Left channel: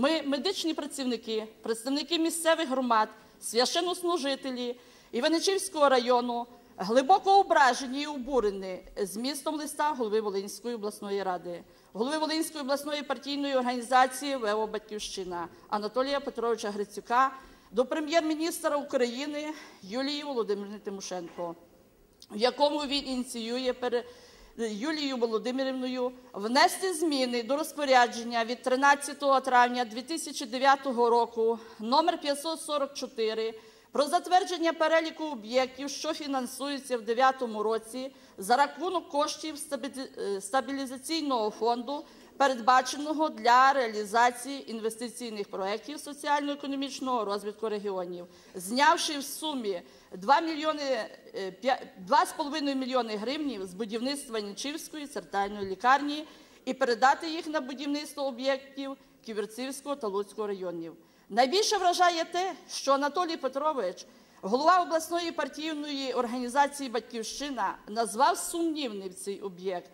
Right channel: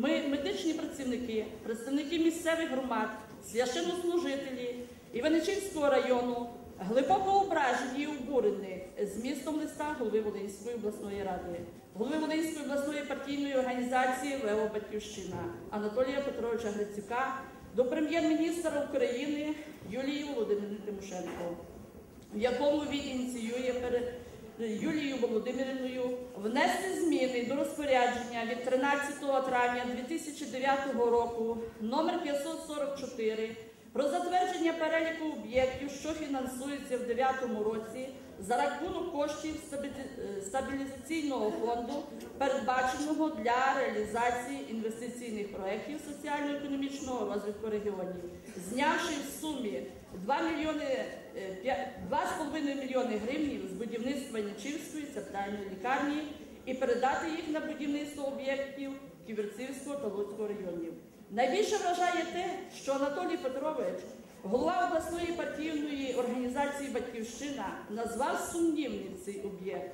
Ми, медичні працівники, представники місцевих громад, священнослужителі Іваничівського району глибоко ображені і обурені змістом листа голови Волинської обласної ради, голови Волинської обласної партійної організації ВЕО Батьківщина Анатолія Петровича Грицюка до прем'єр-міністра України Юлії Володимирівни Тимошенко в якому він ініціює Юлією Володимирівною внести зміни до розпорядження від 13 травня 2009 року номер 544 про затвердження переліку об'єктів, що фінансуються в 2009 році за рахунок коштів е, стабілізаційного фонду, передбаченого для реалізації інвестиційних проєктів соціально-економічного розвитку регіонів, знявши в сумі 2 мільйони е, п'я- 2,5 мільйони гривнів з будівництва Нічівської центральної лікарні і передати їх на будівництво об'єктів Ківерцівського та Луцького районів. Найбільше вражає те, що Анатолій Петрович, голова обласної партійної організації Батьківщина, назвав сумнівним цей об'єкт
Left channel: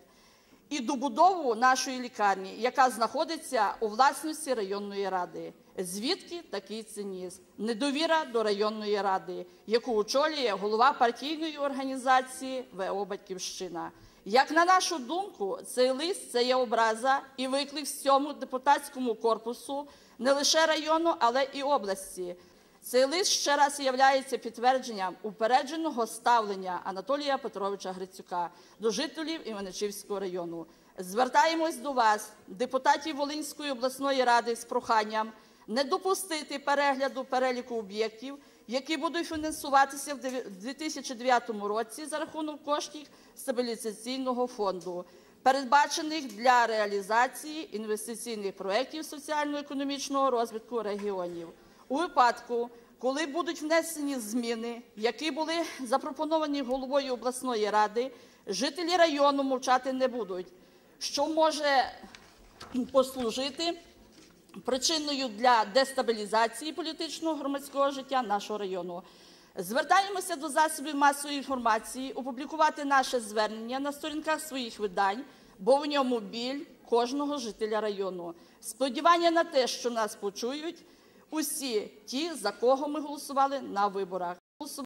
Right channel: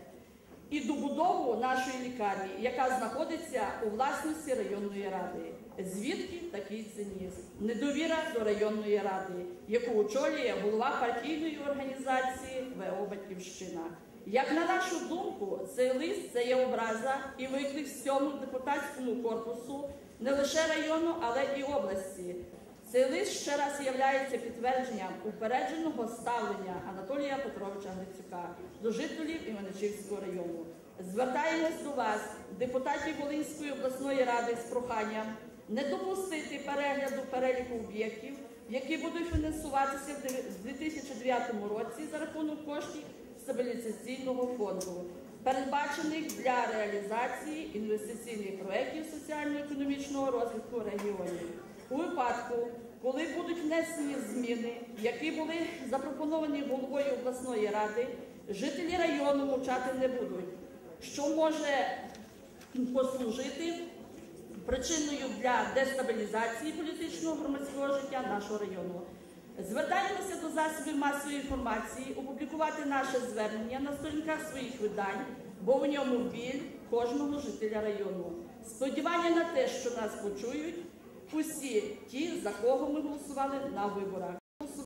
і добудову нашої лікарні, яка знаходиться у власності районної ради. Звідки такий цинізм? Недовіра до районної ради, яку очолює голова партійної організації ВО Батьківщина. Як на нашу думку, цей лист це є образа і виклик всьому депутатському корпусу не лише району, але і області. Цей лист ще раз є підтвердженням упередженого ставлення Анатолія Петровича Грицюка до жителів Іваничівського району. Звертаємось до вас, депутатів Волинської обласної ради, з проханням не допустити перегляду переліку об'єктів, які будуть фінансуватися в 2009 році за рахунок коштів стабілізаційного фонду, передбачених для реалізації інвестиційних проєктів соціально-економічного розвитку регіонів. У випадку, коли будуть внесені зміни, які були запропоновані головою обласної ради, жителі району мовчати не будуть, що може послужити причиною для дестабілізації політичного громадського життя нашого району. Звертаємося до засобів масової інформації опублікувати наше звернення на сторінках своїх видань, бо в ньому біль кожного жителя району. Сподівання на те, що нас почують усі ті, за кого ми голосували на виборах.